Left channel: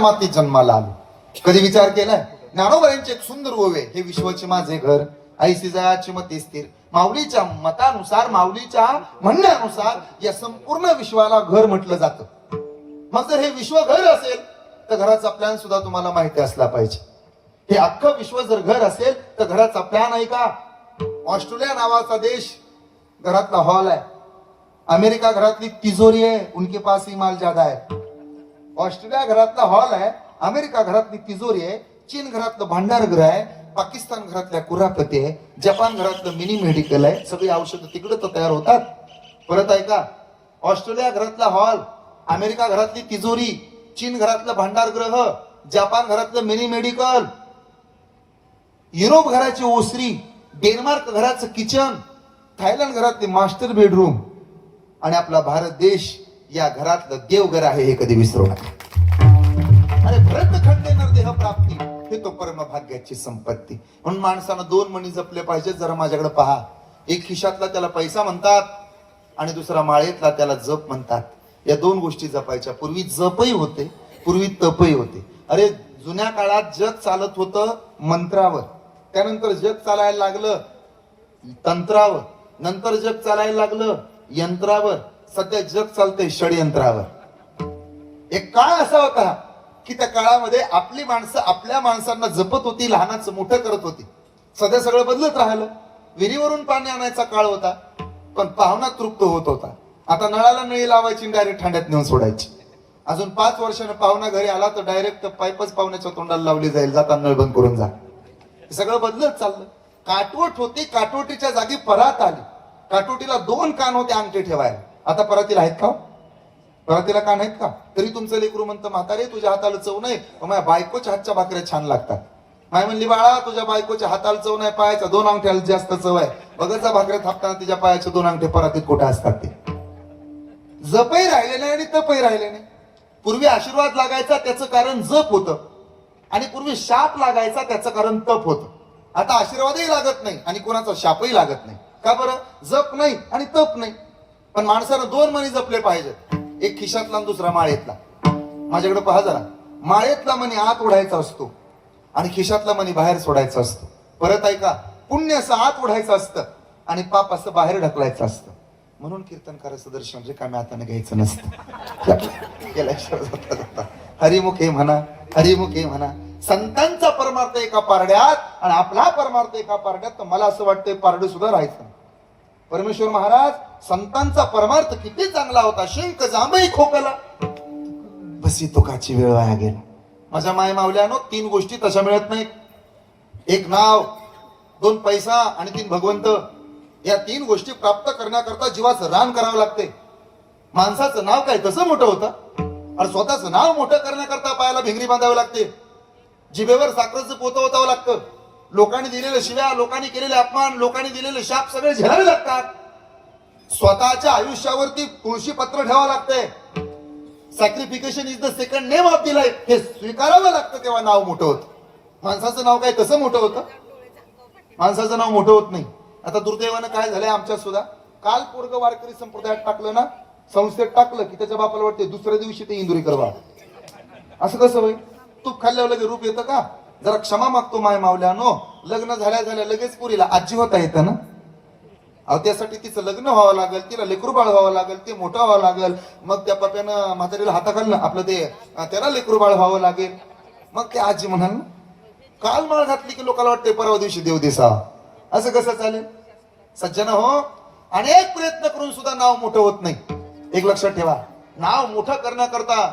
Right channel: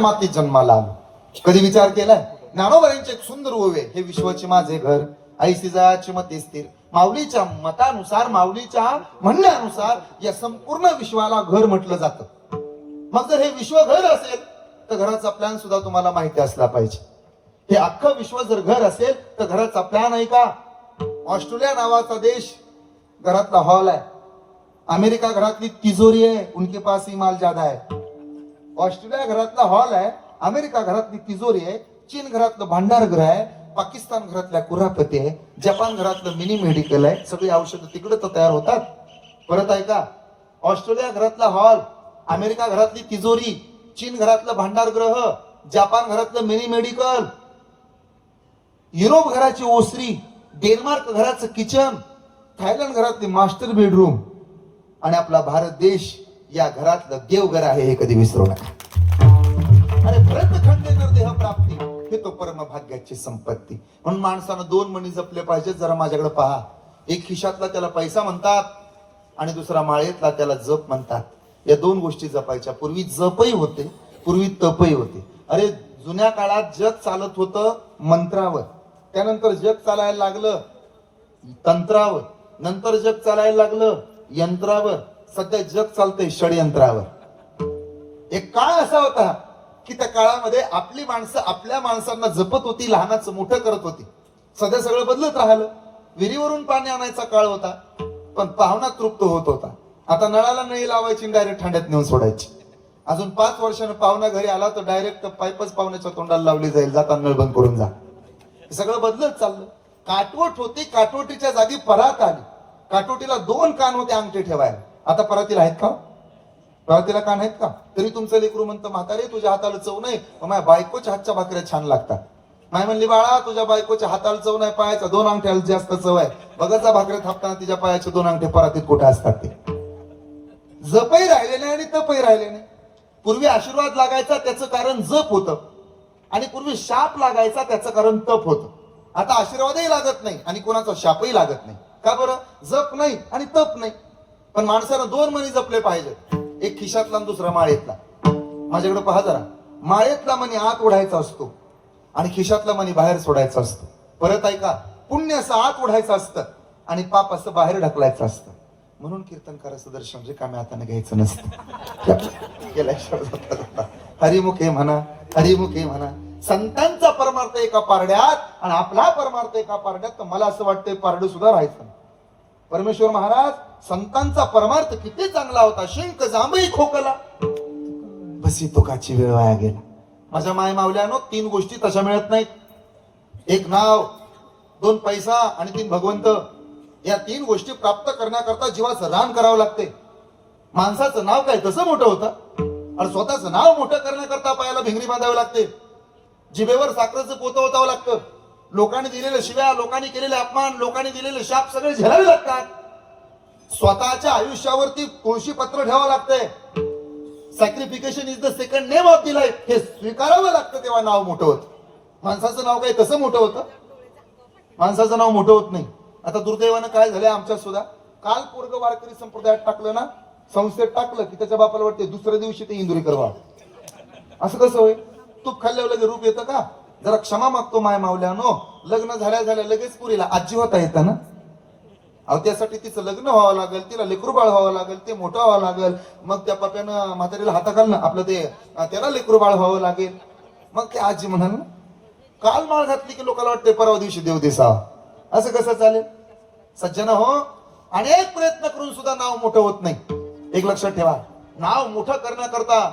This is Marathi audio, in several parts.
मातीत जन्माला आलो. कधी विचार केलाय? ज्ञानोबा एक सुंदर ओवे, हे विश्वाचे माझे घर, ऐसी जयाची मते स्थिर. माऊलीच्या मतानुसार, माऊलीच्या म्हणण्यानुसार या संपूर्ण विश्वाला घर म्हटलं जातं. मग जर हे विश्व घर असेल तर घराचा प्लॅन सुद्धा तुम्हाला माहिती असला पाहिजे. हे अख्खं विश्व जर घर असेल तर घराचा प्लॅन आहे का? ऑस्ट्रेलिया नावाचा देश घरातला हॉल आहे. अमेरिका घरातली तिजोरी आहे, उनके पास ही माल ज्यादा आहे. ऑस्ट्रेलिया घरातला हॉल आहे, अमेरिका घरातली तिजोरी आहे, चीन घरातलं भांडारगृह आहे, पाकिस्तान घरातल्या कुरापती आहे, जपान घरातलं मिनी मेडिकल आहे. सगळी औषधं तिकडे तर तयार होतात. परत आहे का? ऑस्ट्रेलिया घरातला हॉल, अमेरिका घरातली तिजोरी, चीन घरातलं भांडारगृह, जपान घरातलं मिनी मेडिकल, युरोप घराची ओसरी, डेन्मार्क घराचं किचन, थायलंड घरातली मास्टर बेडरूम आणि आपला भारत देश या घरातलं देवघर आहे, हे कधी विसरू नका. अरे व्रत खंडेकर देह प्राप्ती, हे तो परम भाग्याची संपत्ती. म्हणून माणसानं दोन मणी जपले पाहिजेत. जरा माझ्याकडे पहा. एक खिशातला त्याला पैसा म्हणतात आणि दुसरा माळेतला त्याला जप म्हणतात. या दोन गोष्टी जपायच्या. पूर्वी जपही होते, पूर्वी तपही होते. अरे जुन्या काळात जग चालत होतं मंत्रावर, त्यानंतर जग चालायला लागलं तंत्रावर, नंतर जग चालायला लागलं यंत्रावर, सध्या जग चालतंय षडयंत्रावर. एक काळ असा होता की त्या काळामध्ये आपली माणसं आपल्या माणसांना जपत होती, लहानाचं मोठं करत होती. सध्या सगळं बदलत राहिलं. विहिरीवरून पाणी आणायचा काळ होता, पण पाहुणा तृप्त होत होता. आता नळाला नळी लावायची, डायरेक्ट ठाण्यात नेऊन सोडायची. अजून 5 वर्षानं पाहुणा घरी आला तर डायरेक्ट पाईपच पाहुण्याच्या तोंडाला लावली जाईल, जाता नळ बंद करून जा. हे सगळं बदलत चाललं. काटवट होती, काटवटीच्या जागी परात आली. काटवटीला 2 कान होते अंगठे ठेवायला. आता परातीला आहेत का? परातीला कान आहेत का? तरी तुमचं लेकरू म्हणतं, म्हातारे तुझ्या हाताला चव नाही, माझ्या बायकोच्या हातच्या भाकऱ्या छान लागतात. माय म्हणली, बाळा तुझ्या बायकोच्या हाताला चव नाही, पायाच्या 2 अंगठ्याला जास्त चव आहे. बघाचा भाकऱ्या थापताना तिच्या पायाचे 2 अंगठे परातीत कुठे असतात. ते जपही राहिले नाही आणि तपही राहिले नाही. पूर्वी आशीर्वाद लागायचा त्याचं कारण जप होतं, आणि पूर्वी शाप लागायचा त्याचं कारण तप होतं. आता आशीर्वादही लागत नाही आणि कोणाचा शापही लागत नाही. का बरं? जप नाही आणि तप नाही. पण माणसानं 2 मणी जपले पाहिजेत. एक खिशातला आणि दुसरा माळेतला. माझ्याकडे पहा जरा. माळेतला मणी आत ओढायचा असतो आणि खिशातला मणी बाहेर सोडायचा असतो. परत ऐका, पुण्य असं आत ओढायचं असतं आणि पाप असं बाहेर ढकलायचं असतं. म्हणून कीर्तन करायचं दर्शन रिकाम्या हाताने घ्यायचं नसतं. हरिमुखे म्हणा, हरिमुखे म्हणा. संतांचा परमार्थ एका पारड्यात आणि आपला परमार्थ एका पारड्यात. तर मला असं वाटतंय पारडं सुद्धा राहायचं. परमेश्वर महाराज संतांचा परमार्थ किती चांगला होता. शिंक जांभई खोकला, बसी तुकाची वेळ वाया गेली. माझ्या माय मावल्यानो 3 गोष्टी तशा मिळत नाहीत. 1 नाव, 2 पैसा आणि 3 भगवंत. या 3 गोष्टी प्राप्त करण्याकरता जीवाचं रान करावं लागते. माणसाचं नाव काय तसं मोठं होतं आणि स्वतःचं नाव मोठं करण्याकरता पायाला भिंगरी बांधावी लागते. जिभेवर साखरेचं पोतं ओतावं लागतं. लोकांनी दिलेले शिव्या, लोकांनी केलेले अपमान, लोकांनी दिलेले शाप सगळे झेलावे लागतात. स्वतःच्या आयुष्यावरती तुळशी पत्र ठेवावं लागतंय. Sacrification is the second name of the life. हे स्वीकारावं लागतं, तेव्हा नाव मोठं होतं. माणसाचं नाव काय कसं मोठं होतं? माणसाचं नाव मोठं होत नाही. आता दुर्दैवानं काय झालंय आमच्या सुद्धा, काल पोरग वारकरी संप्रदायात टाकलं ना, संस्थेत टाकलं की त्याच्या बापाला वाटते दुसऱ्या दिवशी ते इंदुरी करवा. असं कसं होईल? तूप खाल्ल्यावर लगेच रूप येतं का? जरा क्षमा मागतो माय मावल्यानो. लग्न झाल्या लगेच पुरीला आजी होता येतं ना. अहो त्यासाठी तिचं लग्न व्हावं लागेल, तिला लेकरू बाळ व्हावं लागेल, ते मोठं व्हावं लागेल. मग त्या पप्यानं म्हातारीला हाताखालनं आपलं ते त्याला लेकरू बाळ व्हावं लागेल. मग ते आजी म्हणाल ना, काल माळ घातली की लोकांना वाटते परवा दिवशी देव दिसावा. असं कसं चालेल? सज्जन हो, अनेक प्रयत्न करून सुद्धा नाव मोठं होत नाही. एक लक्षात ठेवा, नाव मोठं करण्याकरता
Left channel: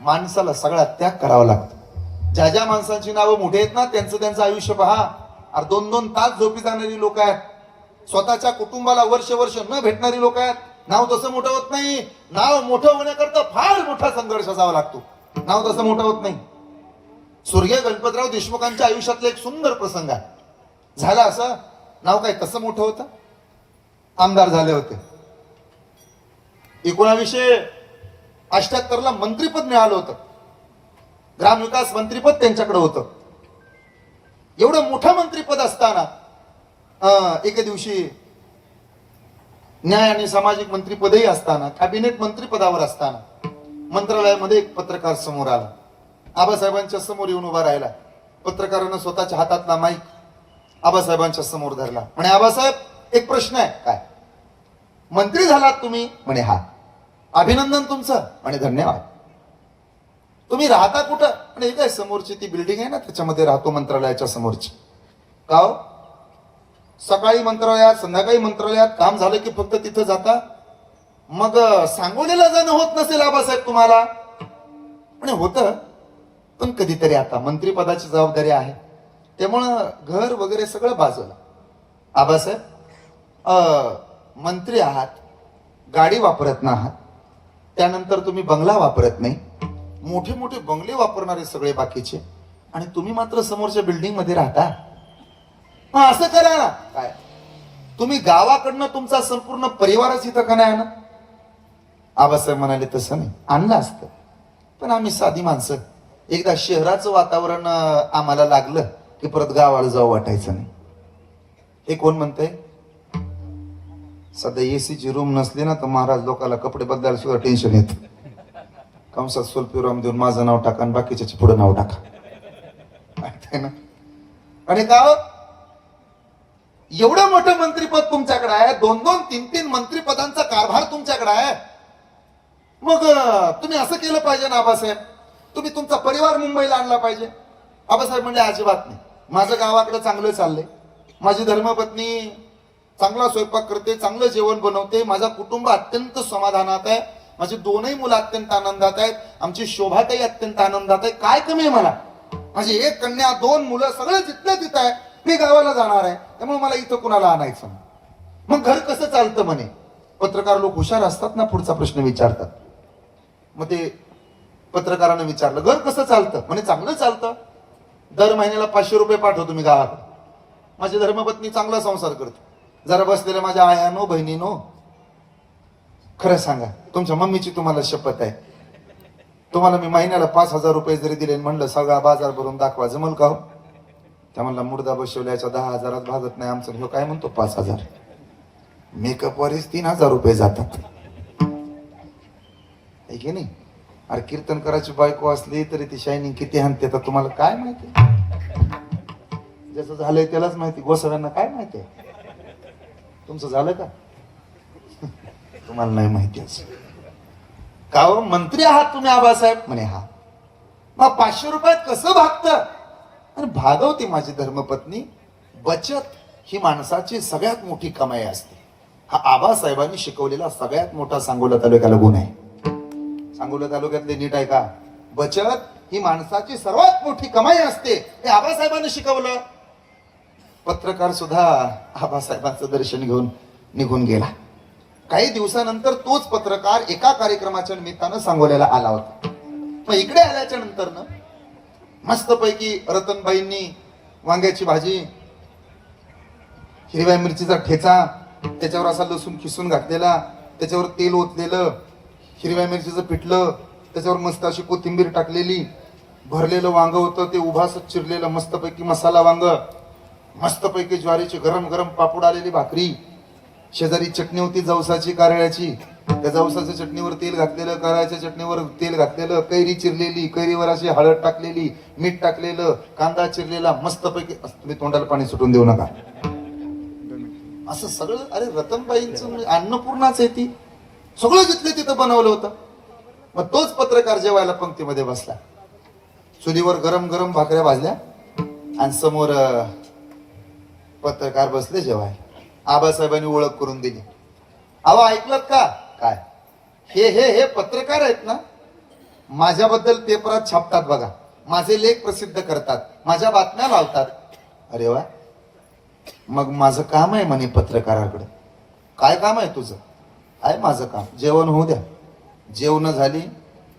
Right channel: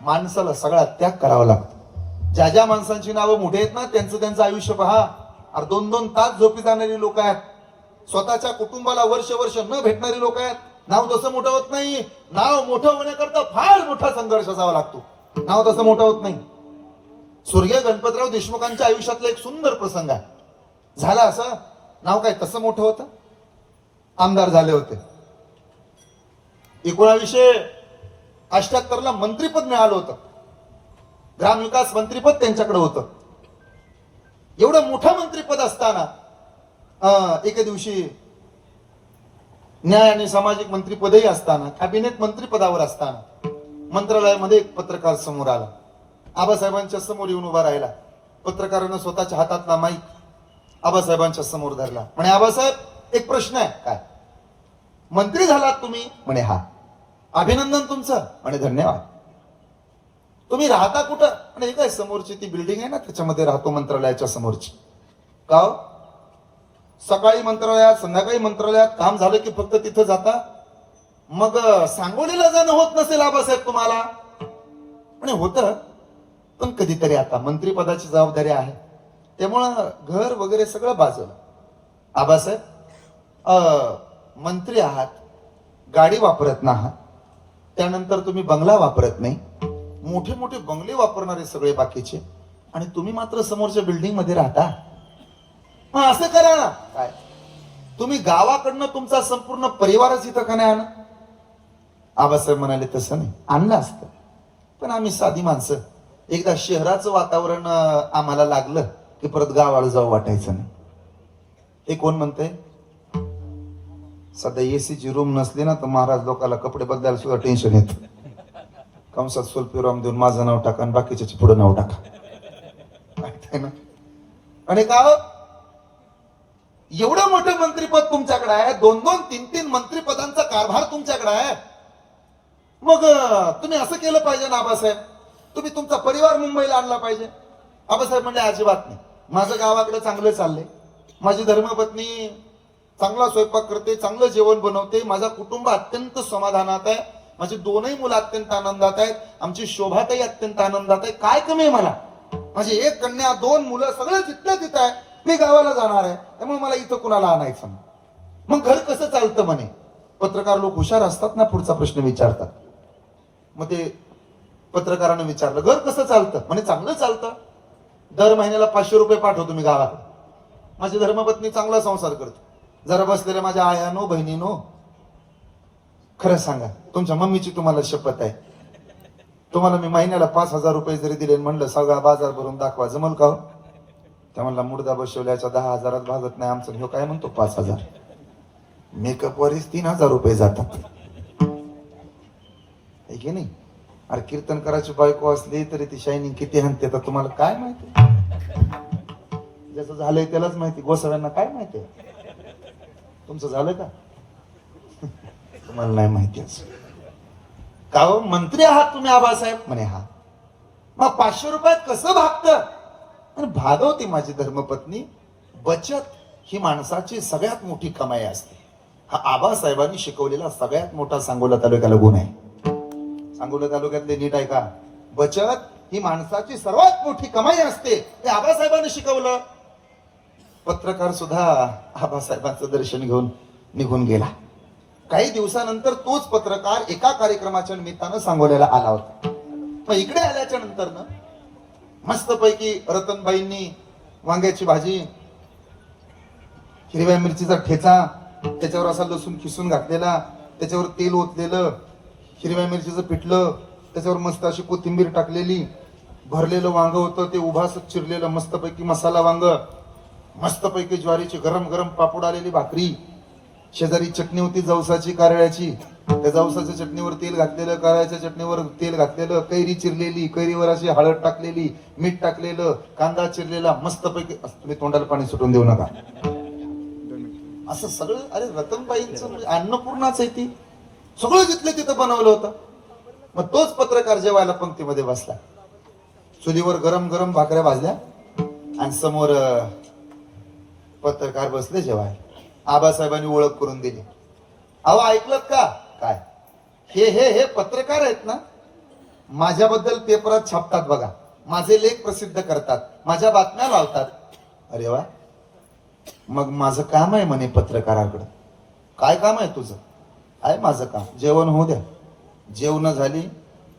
माणसाला सगळा त्याग करावा लागतो. ज्या ज्या माणसांची नावं मोठे आहेत ना, त्यांचं आयुष्य पहा. 2-2 तास झोपी जाणारी लोक आहेत. स्वतःच्या कुटुंबाला वर्ष न भेटणारी लोक आहेत. नाव तसं मोठं होत नाही. नाव मोठं होण्याकरता फार मोठा संघर्ष असावा लागतो. नाव तसं मोठं होत नाही. स्वर्गीय गणपतराव देशमुखांच्या आयुष्यातला एक सुंदर प्रसंग आहे. झालं असं, नाव काय तसं मोठं होतं. आमदार झाले होते. 1978ला मंत्रीपद मिळालं होतं. ग्रामविकास मंत्रीपद त्यांच्याकडे होतं. एवढं मोठं मंत्रीपद असताना एके दिवशी न्याय आणि सामाजिक मंत्रीपदही असताना, कॅबिनेट मंत्रीपदावर असताना मंत्रालयामध्ये एक पत्रकार समोर आला. आबासाहेबांच्या समोर येऊन उभा राहिला. पत्रकारानं स्वतःच्या हातातला माईक आबासाहेबांच्या समोर धरला. म्हणे, आबासाहेब एक प्रश्न आहे. काय? मंत्री झालात तुम्ही? म्हणे, हा. अभिनंदन तुमचं. म्हणे, धन्यवाद. तुम्ही राहता कुठं? म्हणे, काय समोरची ती बिल्डिंग आहे ना, त्याच्यामध्ये राहतो, मंत्रालयाच्या समोरची. का? सकाळी मंत्रालयात, संध्याकाळी मंत्रालयात काम झालं की फक्त तिथं जाता? मग सांगोलीला जाणं होत नसेल आबासाहेब तुम्हाला? म्हणे, होतं, पण कधीतरी. आता मंत्रीपदाची जबाबदारी आहे, त्यामुळं घर वगैरे सगळं बाजूला. आबासाहेब, मंत्री आहात, गाडी वापरत ना आहात, त्यानंतर तुम्ही बंगला वापरत नाही, मोठे मोठे बंगले वापरणारे सगळे बाकीचे, आणि तुम्ही मात्र समोरच्या बिल्डिंग मध्ये राहता. मग असं करा ना. काय? तुम्ही गावाकडनं तुमचा संपूर्ण परिवारच इथं का नाही आणा? आबासाहेब म्हणाले, तसं नाही, आणलं असतं, पण आम्ही साधी माणसं, एकदा शहराचं वातावरण आम्हाला लागलं की परत गावाला जाऊ वाटायचं नाही. हे कोण म्हणतंय? सध्या एसीची रूम नसली ना तर महाराज लोकांना कपडे बदलायला सुद्धा टेन्शन येत. कंसात सोलपिराम देऊन माझं नाव टाका आणि बाकीच्या पुढे नाव टाका. आणि गाव एवढं मोठं मंत्रीपद तुमच्याकडे आहे, 2-2, 3-3 मंत्रीपदांचा कारभार तुमच्याकडे आहे. मग तुम्ही असं केलं पाहिजे ना आबासाहेब, तुम्ही तुमचा परिवार मुंबईला आणला पाहिजे. आबासाहेब म्हणले, अजिबात नाही, माझं गावाकडे चांगलं चाललंय, माझी धर्मपत्नी चांगला स्वयंपाक करते, चांगलं जेवण बनवते, माझा कुटुंब अत्यंत समाधानात आहे, माझी दोनही मुलं अत्यंत आनंदात आहेत, आमची शोभाताई अत्यंत आनंदात आहे. काय कमी आहे मला? माझी 1 कन्या, 2 मुलं, सगळं जिथलं तिथं आहे. मी गावाला जाणार आहे, त्यामुळे मला इथं कुणाला आणायचं नाही. मग घर कसं चालतं म्हणे? पत्रकार लोक हुशार असतात ना, पुढचा प्रश्न विचारतात. मग ते पत्रकारानं विचारलं, घर कसं चालतं? म्हणे, चांगलं चालतं, दर महिन्याला 500 रुपये पाठवतो मी गावाकडे. माझी धर्मपत्नी चांगला संसार करते. जरा बसलेल्या माझ्या आयानो, बहिणीनो, खरं सांगा, तुमच्या मम्मीची तुम्हाला शपथ आहे, तुम्हाला मी महिन्याला 5,000 रुपये जरी दिले म्हणलं सगळा बाजार भरून दाखवा, जमल का? त्या म्हणला, मुर्दा बसवल्याच्या 10,000 भागत नाही आमचं. ह्यो काय म्हणतो 5,000? मेकअप वरच 3,000 रुपये जातात, आहे की नाही? अरे कीर्तन करायची बायको असली तरी ती शायनिंग किती हाणते तर तुम्हाला काय माहिती? ज्याचं झालंय त्यालाच माहिती, गोसाव्यांना काय माहिती? तुमचं झालं का? तुम्हाला नाही माहिती असं का? हो, मंत्री आहात तुम्ही आबासाहेब? म्हणे, हा. मग 500 रुपयात कसं भागतं? आणि भागवते माझी धर्मपत्नी. बचत ही माणसाची सगळ्यात मोठी कमाई असते. हा आबासाहेबांनी शिकवलेला सगळ्यात मोठा सांगोला तालुक्याला गुण आहे. सांगोला तालुक्यातले नीट आहे का? बचत ही माणसाची सर्वात मोठी कमाई असते, हे आबासाहेबांनी शिकवलं. पत्रकार सुद्धा आबासाहेबांचं दर्शन घेऊन निघून गेला. काही दिवसानंतर तोच पत्रकार एका कार्यक्रमाच्या निमित्तानं सांगोल्याला आला होता. मग इकडे आल्याच्या नंतर मस्तपैकी रतनबाईंनी वांग्याची भाजी, हिरव्या मिरचीचा ठेचा, त्याच्यावर असा लसूण खिसून घातलेला, त्याच्यावर तेल ओतलेलं, हिरव्या मिरचीचं पिठलं, त्याच्यावर मस्त अशी कोथिंबीर टाकलेली, भरलेलं वांग होतं, ते उभा चिरलेलं मस्तपैकी मसाला वांग, मस्तपैकी ज्वारीची गरम गरम पापड आलेली भाकरी, शेजारी चटणी होती जवसाची कारळ्याची, त्या जवसाच्या चटणीवर तेल घातलेलं, कारळ्याच्या चटणीवर तेल घातलेलं, कैरी चिरलेली, कैरीवर अशी हळद टाकलेली, मीठ टाकलेलं, कांदा चिरलेला, मस्तपैकी. तुम्ही तोंडाला पाणी सुटून देऊ नका. असं सगळं. अरे रतनबाईंचं म्हणजे अन्नपूर्णाच आहे ती, सगळं जिथलं तिथं बनवलं होतं. मग तोच पत्रकार जेवायला पंक्तीमध्ये बसला, चुलीवर गरम गरम भाकऱ्या भाजल्या आणि समोर पत्रकार बसले जेवायला. आबासाहेबांनी ओळख करून दिली. अहो ऐकलत का? काय? हे हे हे पत्रकार आहेत ना, माझ्याबद्दल पेपरात छापतात बघा, माझे लेख प्रसिद्ध करतात, माझ्या बातम्या लावतात. अरे वा, मग माझं काम आहे म्हणे पत्रकाराकडे. काय काम आहे तुझं? आहे माझं काम, जेवण होऊ द्या. जेवण झाली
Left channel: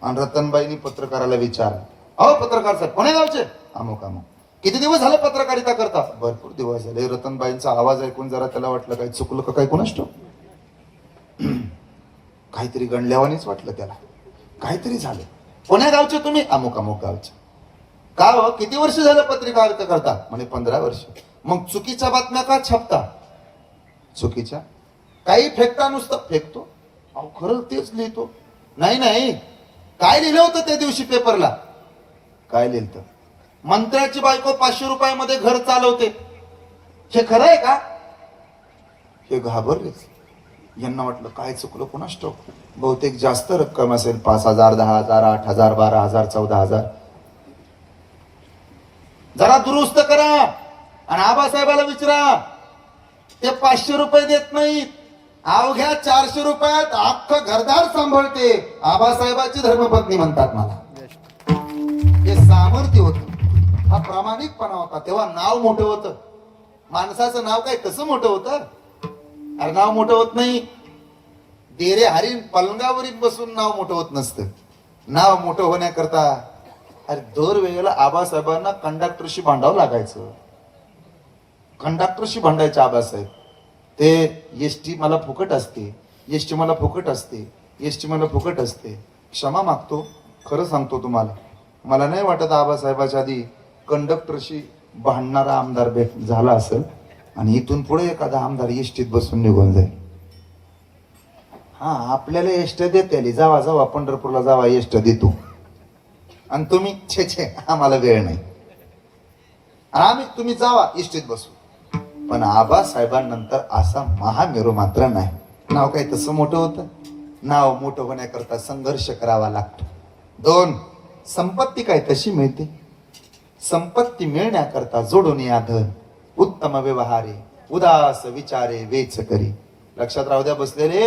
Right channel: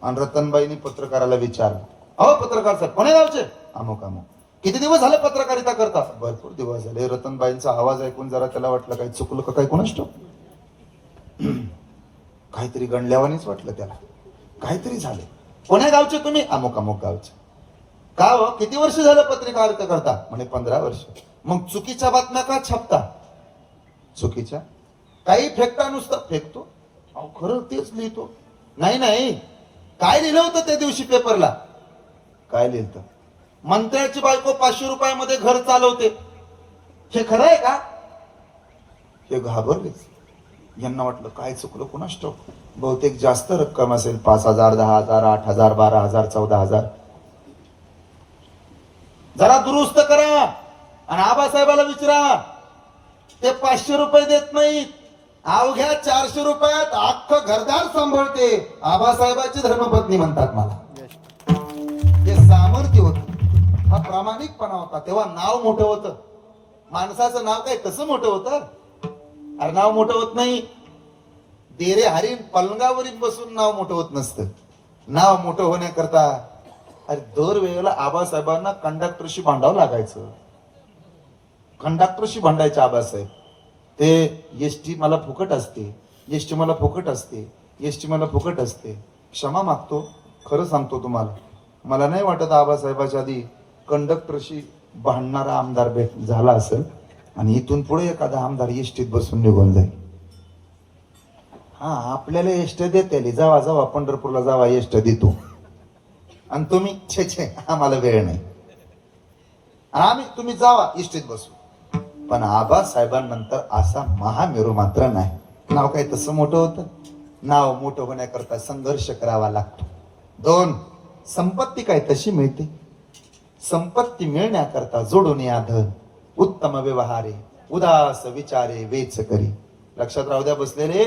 आणि रतनबाईंनी पत्रकाराला विचारलं, अहो पत्रकार साहेब कोण्या गावचे? अमुक अमुक. किती दिवस झाले पत्रकारिता करता? भरपूर दिवस झाले. रतनबाईंचा आवाज ऐकून जरा त्याला वाटलं काय चुकलं का काय कोणास ठाऊक. काहीतरी गणल्यावानीच वाटलं त्याला, काहीतरी झालं. कोण्या गावचे तुम्ही? अमुक अमुक गावचे. का हो, किती वर्ष झालं पत्रकारिता करता? म्हणे 15 वर्ष. मग चुकीच्या बातम्या का छापता? चुकीच्या काही फेकता? नुसतं फेकतो? अहो खरं तेच लिहितो. नाही नाही, काय लिहिलं होतं त्या दिवशी पेपरला? काय लिहिलं? मंत्र्याची बायको 500 रुपयामध्ये घर चालवते. हे खरं आहे का? हे घाबरलेच. यांना वाटलं काय चुकलं कोणास ठाऊक, बहुतेक जास्त रक्कम असेल, 5,000, 10,000, 8,000, 12,000, 14,000. जरा दुरुस्त करा आणि आबासाहेबाला विचारा, ते 500 रुपये देत नाहीत, अवघ्या 400 रुपयात अख्खं घरदार सांभाळते. आबासाहेबाची धर्मपत्नी म्हणतात मला. हे सामर्थ्य होत, हा प्रामाणिकपणा होता. तेव्हा नाव मोठं होतं. माणसाचं नाव काय कसं मोठं होतं? अरे नाव मोठं होत नाही. डेरे हरीण पलंगावरील बसून नाव मोठं होत नसतं. नाव मोठं होण्याकरता अरे दर वेळेला आबासाहेबांना कंडक्टरशी भांडावं लागायचं. कंडक्टरशी भांडायचे आबासाहेब. ते एसटी मला फुकट असते, एसटी मला फुकट असते, एसटी मला फुकट असते. क्षमा मागतो, खरं सांगतो तुम्हाला, मला नाही वाटत आबासाहेबाच्या आधी कंडक्टरशी भांडणारा आमदार भेट झाला असेल आणि इथून पुढे एखादा आमदार एसटीत बसून निघून जाईल. हा आपल्याला एसटी देते, जावा जावा पंढरपूरला जावा, एसटी देतो. आणि तुम्ही छे छे आम्हाला वेळ नाही, आम्ही तुम्ही जावा एसटीत बसू. पण आबासाहेबांनंतर असा महामेरू मात्र नाही. नाव काय तसं मोठं होतं? नाव मोठं होण्याकरता संघर्ष करावा लागतो. 2, संपत्ती काय तशी मिळते? संपत्ती मिळण्याकरता जोडून या धन, उत्तम व्यवहारे, उदास विचारे वेच करी. लक्षात राहू द्या बसलेले,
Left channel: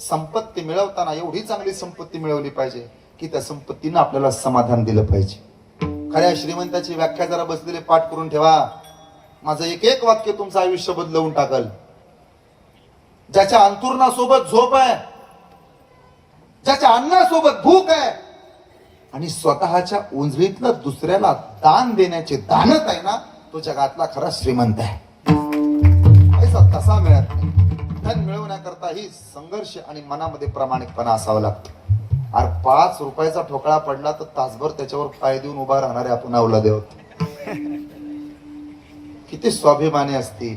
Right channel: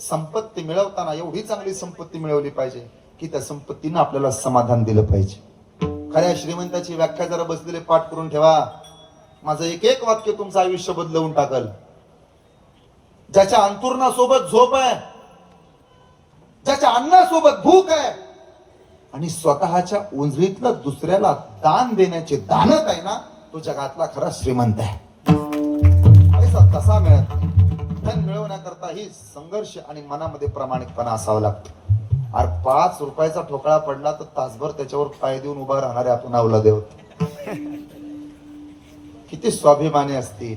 संपत्ती मिळवताना एवढी चांगली संपत्ती मिळवली पाहिजे की त्या संपत्तीनं आपल्याला समाधान दिलं पाहिजे. खऱ्या श्रीमंताची व्याख्या जरा बसलेले पाठ करून ठेवा. माझं एक एक वाक्य तुमचं आयुष्य बदलवून टाकल. ज्याच्या अंतुरणासोबत झोप आहे, ज्याच्या अन्नासोबत भूक आहे आणि स्वतःच्या उंजळीतलं दुसऱ्याला दान देण्याचे दानत आहे ना, तो जगातला खरा श्रीमंत आहे. पैसा तसा मिळत नाही. धन मिळवण्याकरता ही संघर्ष आणि मनामध्ये प्रामाणिकपणा असावा लागतो. अरे 5 रुपयाचा ठोकळा पडला तर तासभर त्याच्यावर पाय देऊन उभा राहणारे आपण अवलादे होते. किती स्वाभिमानी असतील,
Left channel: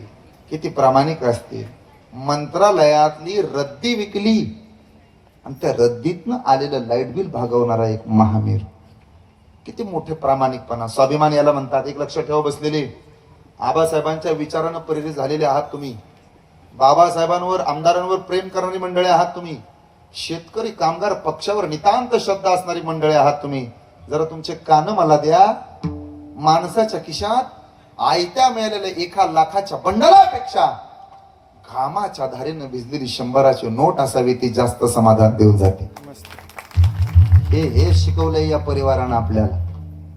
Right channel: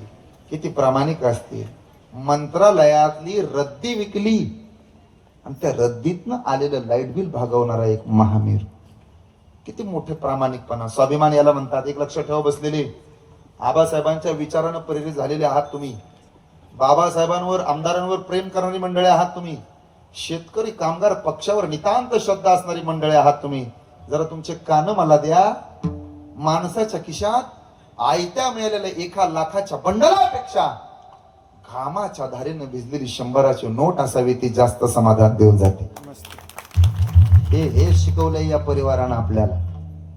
किती प्रामाणिक असतील. मंत्रालयातली रद्दी विकली आणि त्या रद्दीतनं आलेलं लाईट बिल भागवणारा एक महामेरू. किती मोठे प्रामाणिकपणा, स्वाभिमान याला म्हणतात. एक लक्षात ठेवा बसलेले, आबासाहेबांच्या विचारानं प्रेरित झालेले आहात तुम्ही. बाबासाहेबांवर, आमदारांवर प्रेम करणारी मंडळी आहात तुम्ही. शेतकरी कामगार पक्षावर नितांत श्रद्धा असणारी मंडळी आहात तुम्ही. जरा तुमचे कान मला द्या. माणसाच्या खिशात आयत्या मिळालेल्या 1 लाखाच्या बंडलापेक्षा घामाच्या धारेनं भिजलेली 100ची नोट असावी, ती जास्त समाधान देऊन जाते. हे शिकवलंय या परिवारानं आपल्याला.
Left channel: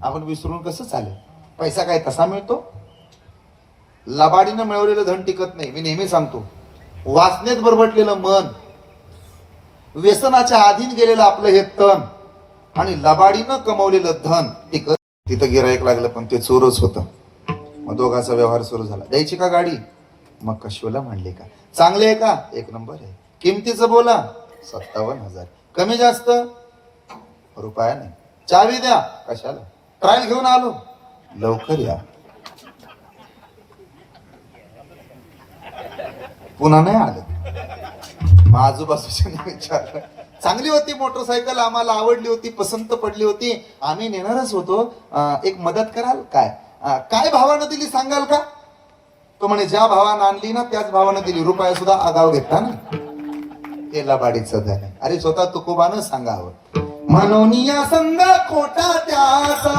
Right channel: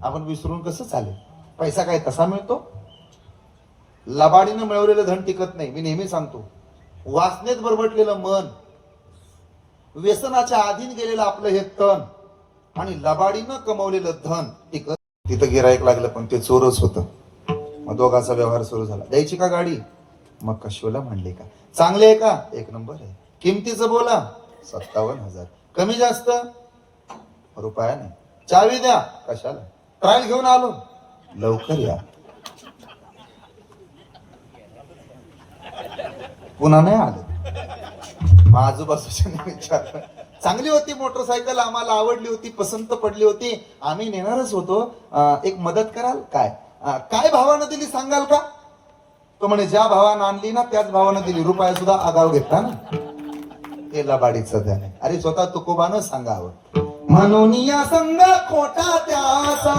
आपण विसरून कसं चालेल? पैसा काय तसा मिळतो? लबाडीनं मिळवलेलं धन टिकत नाही. मी नेहमी सांगतो, वासनेत बरबटलेलं मन, व्यसनाच्या अधीन गेलेलं आपलं हे तन आणि लबाडीनं कमवलेलं धन टिकत. तिथं गिराईक लागलं पण ते चोरच होतं. मग दोघांचा व्यवहार सुरू झाला. द्यायची का गाडी? मग कशोला मांडली का? चांगले आहे का? 1 नंबर आहे. किमतीचं बोला? 57,000. कमी जास्त? रुपया नाही. चावी द्या? कशाला? ट्रायल घेऊन आलो. लवकर या. पुन्हा नाही आलं. मग आजूबाजूच्या विचारलं, चांगली होती मोटरसायकल, आम्हाला आवडली होती, पसंत पडली होती, आम्ही नेणारच होतो, एक मदत कराल? काय भावानं दिली सांगाल का? तो म्हणे ज्या भावानं आणली ना त्याच भावानं दिली. रुपया सुद्धा आगाव घेतला ना. ते लबाडीचं धन. अरे स्वतः तुकोबानं सांगावं, म्हणून या संग खोटा त्याचा,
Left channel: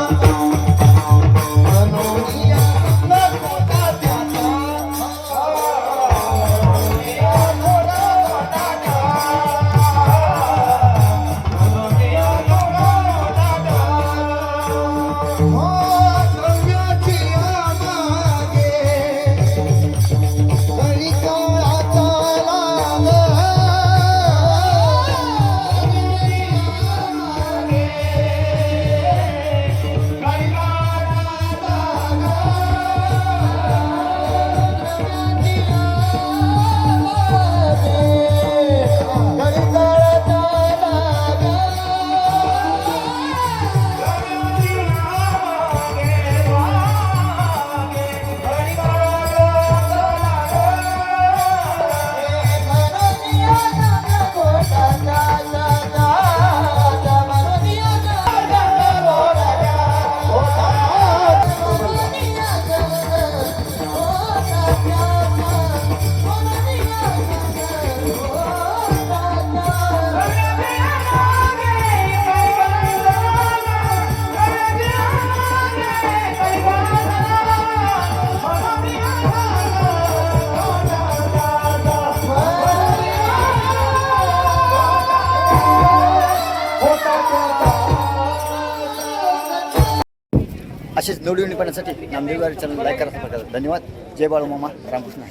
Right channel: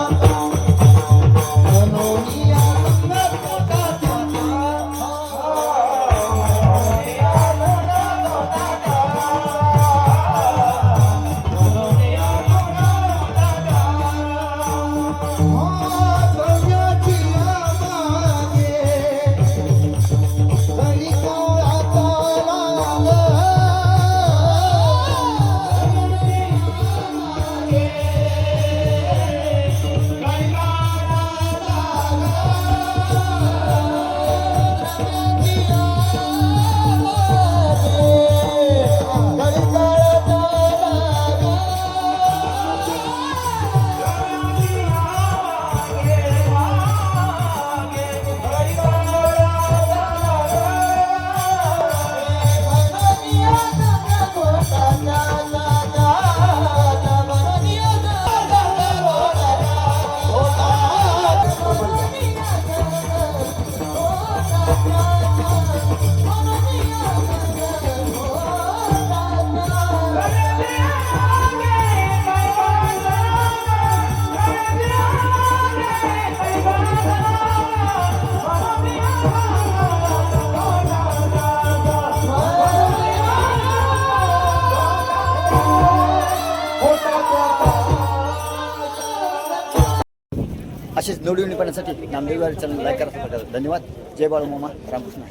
म्हणून या संग खोटा त्याचा. असेच नवनवीन पाहण्यासाठी नामदेव चॅनल लाईक करा, सबस्क्राईब करा. धन्यवाद. जय बाळू मामा, रामकृष्ण.